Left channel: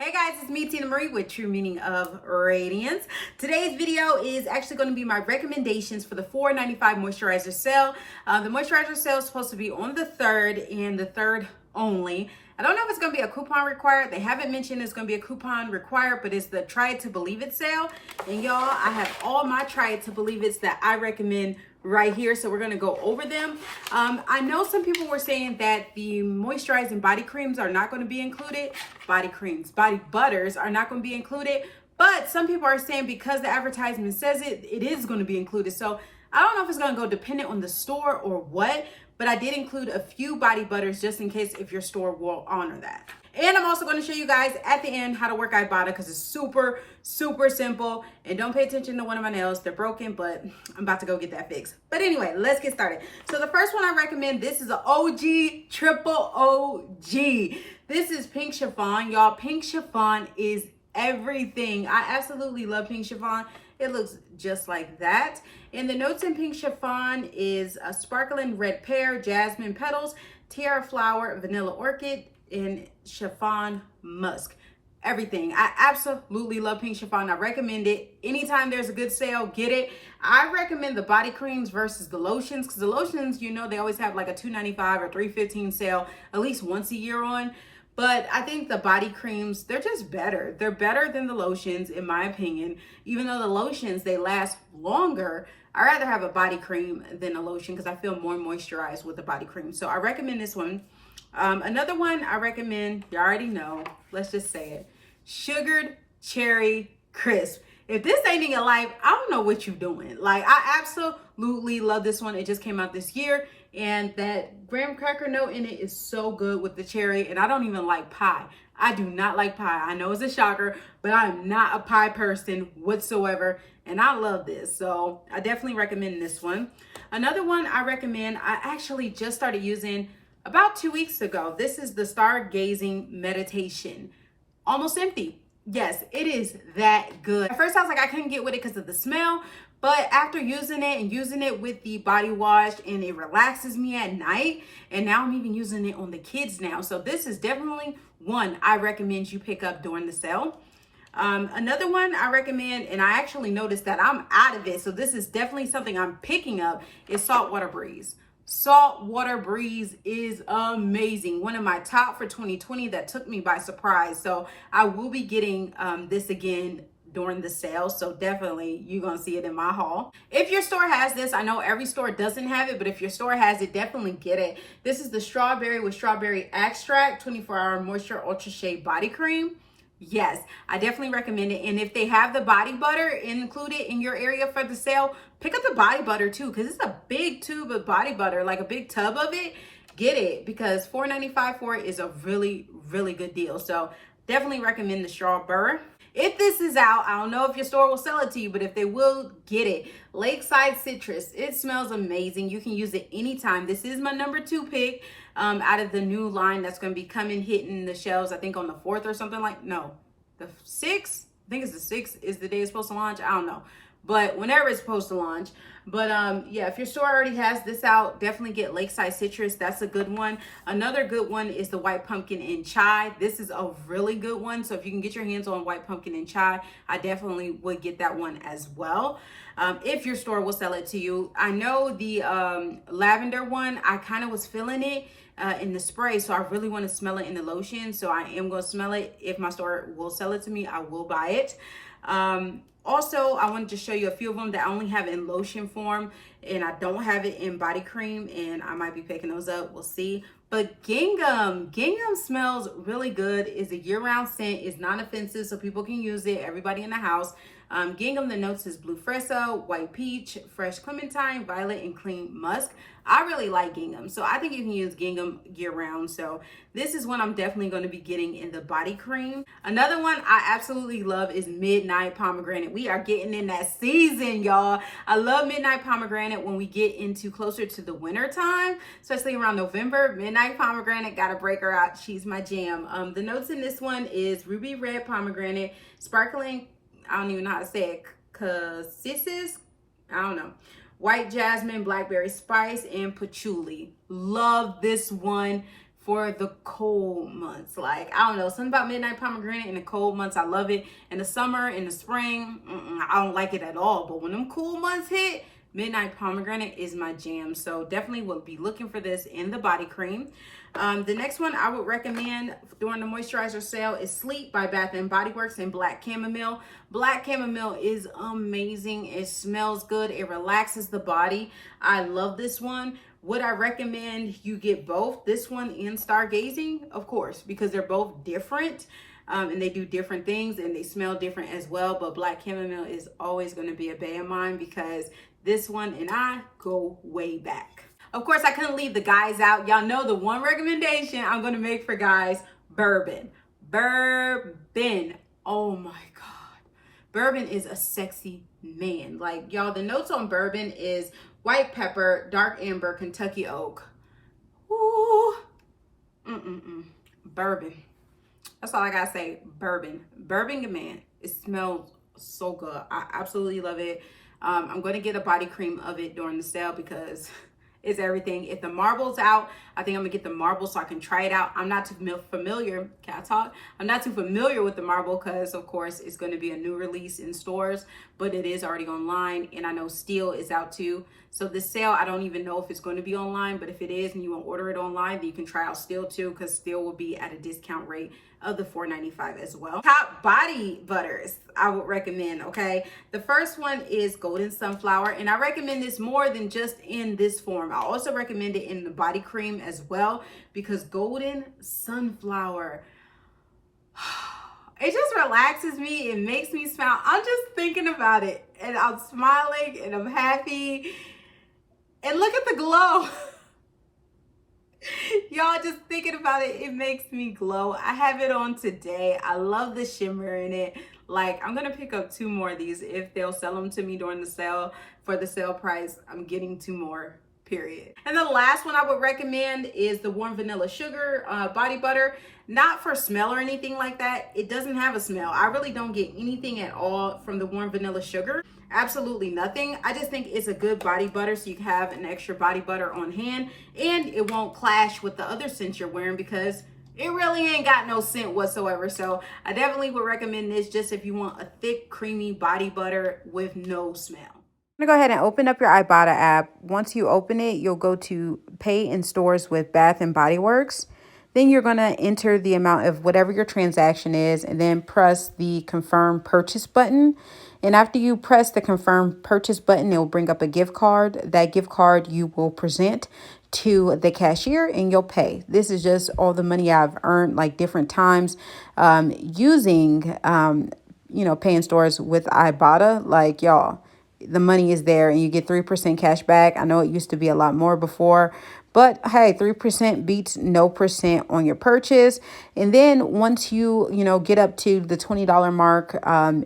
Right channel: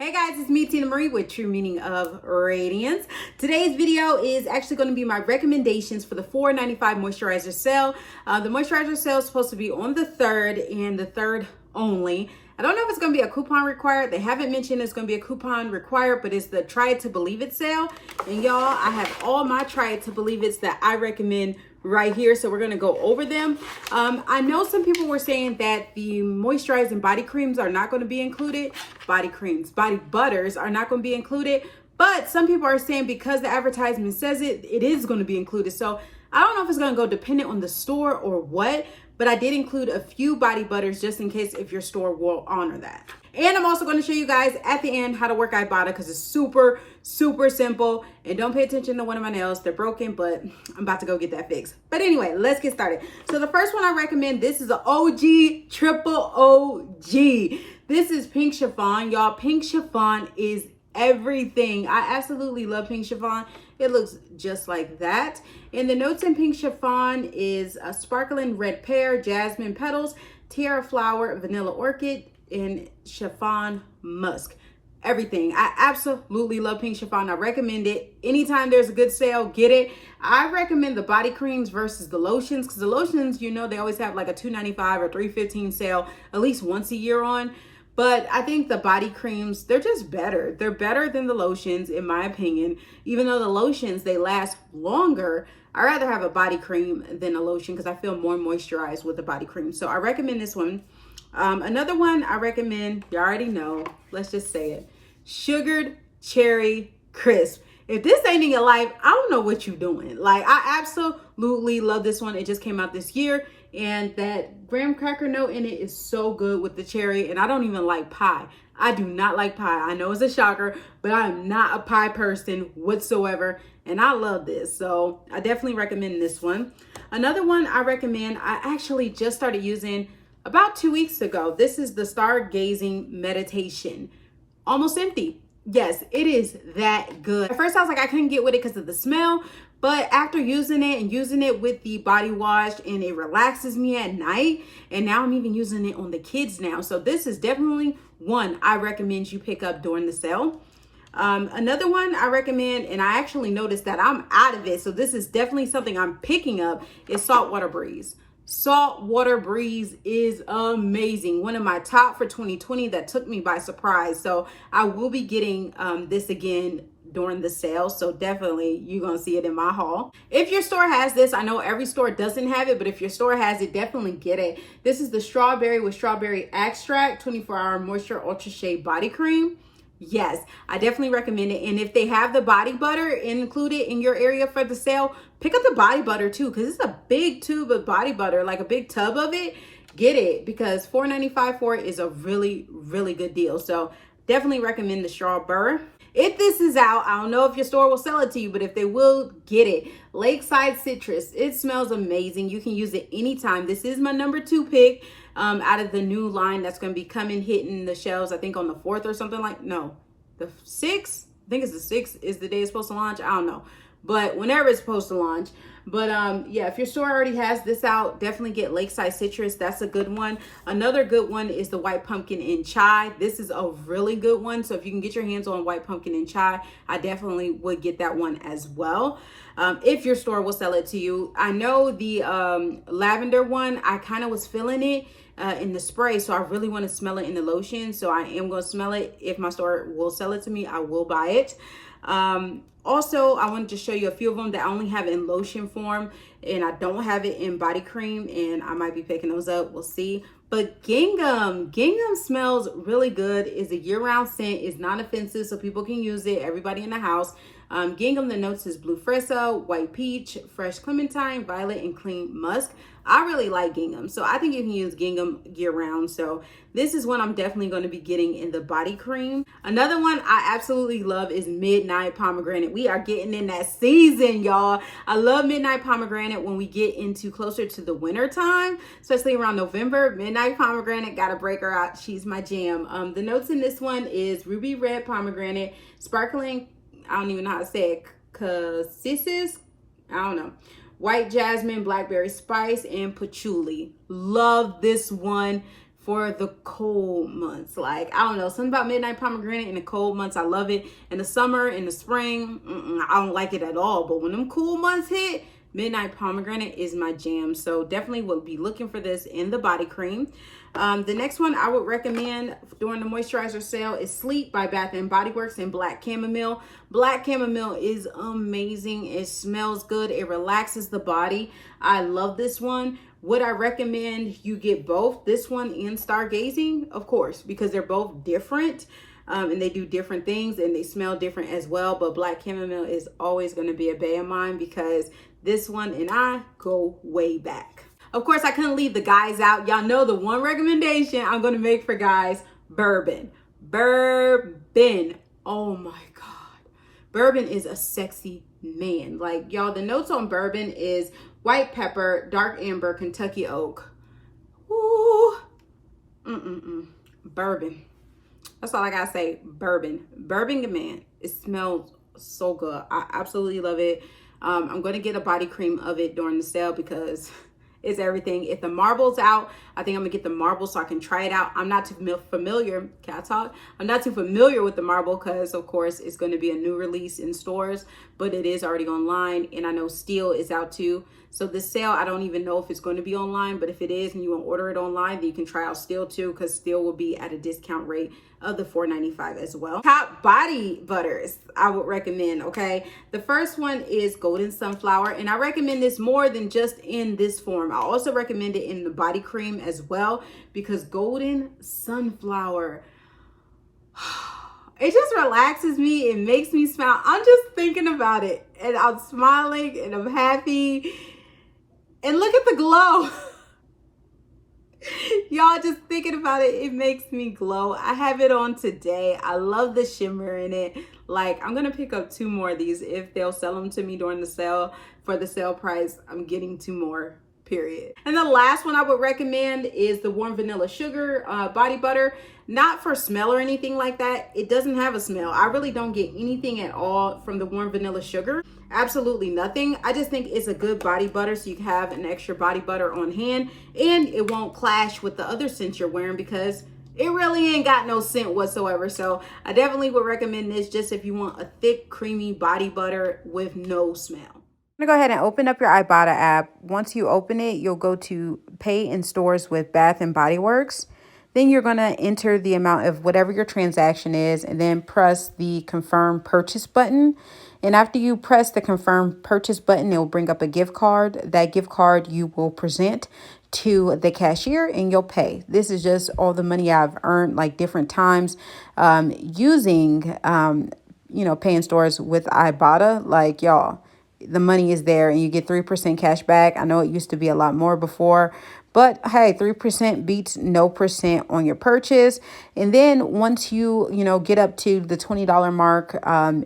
Hey guys, it's me, Tina Marie, with True Meaning of Radiance. Today's video is actually going to be my recommendations for the $4.95 moisturizer sale. The moisturizer sale is supposed to be on the 3rd and the 3rd only. I don't know if it's going to be a coupon required. They haven't mentioned it's going to be a coupon required, but it's the Try It to Believe It sale. And y'all, I have all my Try It to Believe It's that I recommend right here, so we're going to go over them. I know some people were saying that the moisturizing body creams are not going to be included. Body creams, body butters are not going to be included, but some people are saying because the advertisement says it, it is going to be included. So I don't know if it's going to go dependent on the store or what, but I did include a few body butters just in case if your store will honor that. And I'm also going to show you guys at the end how to work Ibotta because it's super, super simple. And don't pay attention to one of my nails. They're broken, but I'm about to go get that fixed. But anyway, let's get started. So the first one I recommend, this is an OG, triple OG. This is Pink Chiffon. Y'all, Pink Chiffon is everything. I absolutely love Pink Chiffon. It looks just like that. And the notes in Pink Chiffon is a sparkling red pear, jasmine petals, tiara flower, vanilla orchid, and chiffon musk. Everything. I absolutely love Pink Chiffon. I recommend it. Anytime there's a good sale, get it. I recommend the body creams versus the lotions because the lotions, you know, they always have like a $2.95 or $3.15 sale at least once a year on. But I think the body creams, they're just better. They're better than the lotions, in my opinion. Even though the lotions, they last longer, I'd rather have a body cream than a lotion because I feel more moisturized with the body cream. So I recommend this one. Another one I recommend, you already know, let's just say it, Sugared Cherry Crisp. If this ain't in your life, I don't know what you're doing. Like, I absolutely love this one. It just came out this year. And that graham cracker note in it is so good with the cherry. And I don't even like pie. I do not like pie. I know it's a shocker, but I am not a pie person whatsoever. And I love this. So I definitely recommend this one. Another one I recommend, I actually just started using about 2 weeks ago. This is the Stargazing Meditation. Almost empty. Yes, it is that good. At first I was like, I couldn't get with it because of the smell. But after using it and using it with the body wash, and it relaxes me at night. And now I'm even using it on the kids now. So this is definitely one I recommend you pick up during the sale. Another one I recommend, and I actually noticed that I'm out of it, so this is definitely something I'm picking up, is Saltwater Breeze. Saltwater Breeze is amazing. One of my top for 2020 that took me by surprise. So I will be getting this again during the sale. So definitely you're going to see it in my haul. If your store has this, I know every store doesn't have it, but if your store has it, definitely get it. This is the strawberry with strawberry extract 24-hour moisture ultra shea body cream. Yes, I definitely recommend it. And if they have the body butter included in your area for the sale, pick up the body butter too, because it's a big tube of body butter, like a big tub of it. Get it, because $4.95 for it is a really, really good deal. So definitely recommend the strawberry. If this is out, I don't know if your store will sell it to you, but if they will, get it. Lakeside Citrus. It smells amazing. You can use it anytime. This is my number 2 pick out of the new line that's going to be coming, hitting the shelves, I think on the 4th or something like, no, the 6th. I think it's the 6th is the day it's supposed to launch. I don't know. But whenever it's supposed to launch. But yeah, if your store already has this out, definitely get Lakeside Citrus. That's a good one. Another good one is the White Pumpkin and Chai. This is a really good one. So if you can get your hands on White Pumpkin and Chai, I definitely would get that one as well. If your store will sell it to you. I know the lavender one, I kind of was feeling it in the spray. So I really want to smell it in the lotion. So I am going to smell it. If my store will sell it to me, I will buy it. Also, I wanted to show you a few of them that I only have in lotion form, and I don't have it in body cream, and I might be picking those up. We'll see. But Gingham smells really good. It's a year-round scent. It's non-offensive, so people can use it. Everybody in the house. Gingham, the notes is blue fresco, white peach, fresh clementine, violet, and clean musk. I really like gingham, so I think you can use gingham year-round. So this is one I'm definitely going to be getting in the body cream. Another one I absolutely love is Midnight Pomegranate. We are getting in that season, y'all. I love Midnight Pomegranate when we get into closer to the winter time, especially around November. Midnight Pomegranate, gotta break her out. She's my jam. The notes in this one is ruby red pomegranate, sparkling, I don't even know how to say it, cassis, I don't know, white jasmine, blackberry spice, and patchouli. Love this one for the cold months. Like, I don't know, something about Midnight Pomegranate in the cold months, I love it. In the summer, in the spring, I don't like it at all. But when them cool months hit, Midnight Pomegranate is my jam. So definitely will be looking for this in the body cream. The next one I would recommend during the moisturizer sale is Sleep by Bath & Body Works in Black Chamomile. Black Chamomile is amazing. It smells good. It relaxes the body. I love this one. Would I recommend you get both, this one and Stargazing? Of course, because they're both different. And they do different things and they smell different as well. But Black Chamomile is always going to be a bae of mine because this one and I go way back. Of course, I couldn't leave the guys out. Y'all know the one recommendation I'm going to make for guys, bourbon. Bourbon. Oh my God. Bourbon is a sexy man. Like, y'all, the notes on bourbon is white pepper, dark amber, Kentucky oak. Ooh. Bourbon. That's all I gotta say. Bourbon. Bourbon, man. It smells so good. I absolutely love it. I'm going to get a body cream of it during the sale because it's everything. If the marble's out, I think I'm gonna get the marble so I can try it out. I'm not too familiar. Can I talk? I'm not too familiar with the marble because, of course, it's going to be a new release in stores, but it is already online, and I know Steel is out too. So this sale, I don't even know if it's going to be online, but if it is and you want to order it online, then you can try out Steel too, because Steel will be at a discount rate of the $4.95 as well. Top body butters I would recommend, okay? The first one is Golden Sunflower, and I recommend this more than just in this form. I also recommend it in the body cream as well, because Golden Sunflower, it just relaxes me. It makes me smile. I'm just thinking about it and I'm smiling and I'm happy. And look at the glow. Y'all, just thinking about it, it makes me glow. I have it on today. I love the shimmer in it. Like, I'm gonna pick up 2 more of these if they'll sell them to me during the sale. For the sale price, I'm getting 2 more, period. And the last one I would recommend is the Warm Vanilla Sugar body butter. Not for smell or anything like that. It doesn't have a smell. I really don't get anything at all from the Warm Vanilla Sugar. Absolutely nothing. I just think it's a good body butter, so you can have an extra body butter on hand, and it won't clash with the other scents you're wearing because it really ain't got no scent whatsoever. So I definitely would recommend this just if you want a thick, creamy body butter with no smell. I'm gonna go ahead and open up your Ibotta app. Once you open it, you'll go to Pay in Stores with Bath & Body Works. Then you're gonna enter the amount of whatever your transaction is and then press the Confirm Purchase button. And after you press the Confirm Purchase button, it will bring up a gift card. That gift card you will present to the cashier and you'll pay. This is just all the money I've earned like different times using, Pay in Stores with Ibotta. Like, y'all, the money is there and you get 3% cash back. I know it used to be a lot more before, but hey, 3% beats no percent on your purchase. And then once you get up to the $20 mark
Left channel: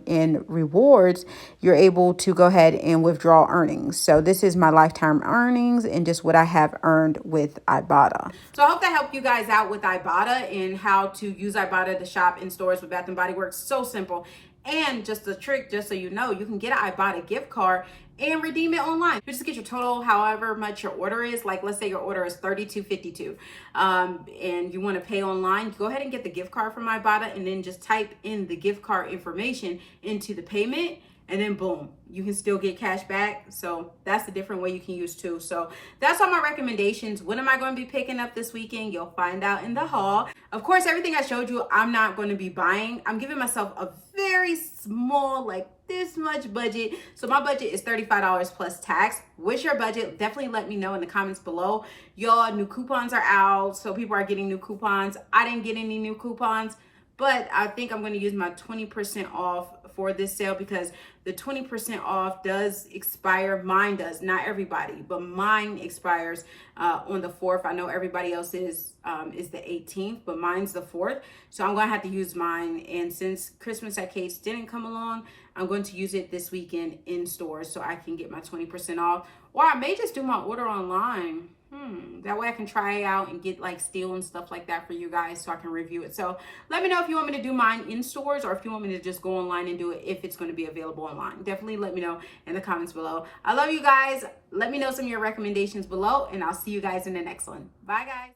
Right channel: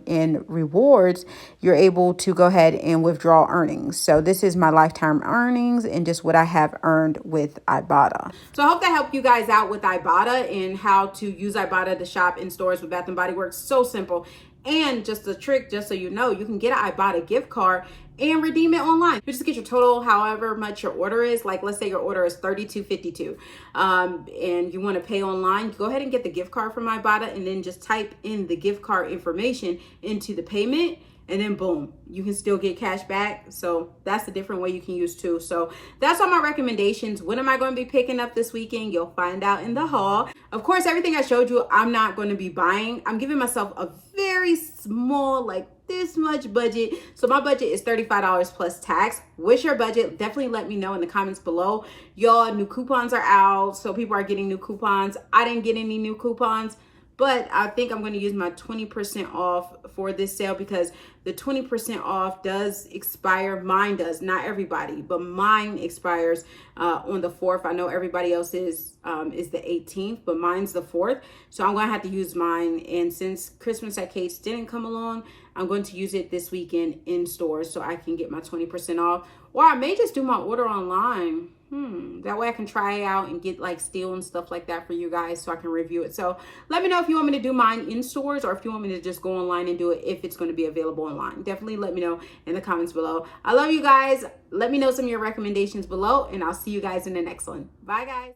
in rewards, you're able to go ahead and withdraw earnings. So this is my lifetime earnings and just what I have earned with Ibotta. So I hope that helped you guys out with Ibotta and how to use Ibotta to shop in stores with Bath & Body Works. So simple. And just a trick, just so you know, you can get an Ibotta gift card and redeem it online. You just get your total, however much your order is. Like, let's say your order is $32.52, and you want to pay online. Go ahead and get the gift card from Ibotta, and then just type in the gift card information into the payment, and then boom, you can still get cash back. So that's a different way you can use too. So that's all my recommendations. What am I going to be picking up this weekend? You'll find out in the haul. Of course, everything I showed you, I'm not going to be buying. I'm giving myself a very small, like this much budget. So my budget is $35 plus tax. What's your budget? Definitely let me know in the comments below. Y'all, new coupons are out, so people are getting new coupons. I didn't get any new coupons, but I think I'm going to use my 20% off for this sale because the 20% off does expire. Mine does, not everybody, but mine expires on the 4th. I know everybody else is the 18th, but mine's the 4th. So I'm going to have to use mine. And since Christmas at Kate's didn't come along, I'm going to use it this weekend in stores so I can get my 20% off. Or I may just do my order online. That way I can try it out and get like Steel and stuff like that for you guys so I can review it. So let me know if you want me to do mine in stores or if you want me to just go online and do it if it's going to be available online. Definitely let me know in the comments below. I love you guys. Let me know some of your recommendations below and I'll see you guys in the next one. Bye guys.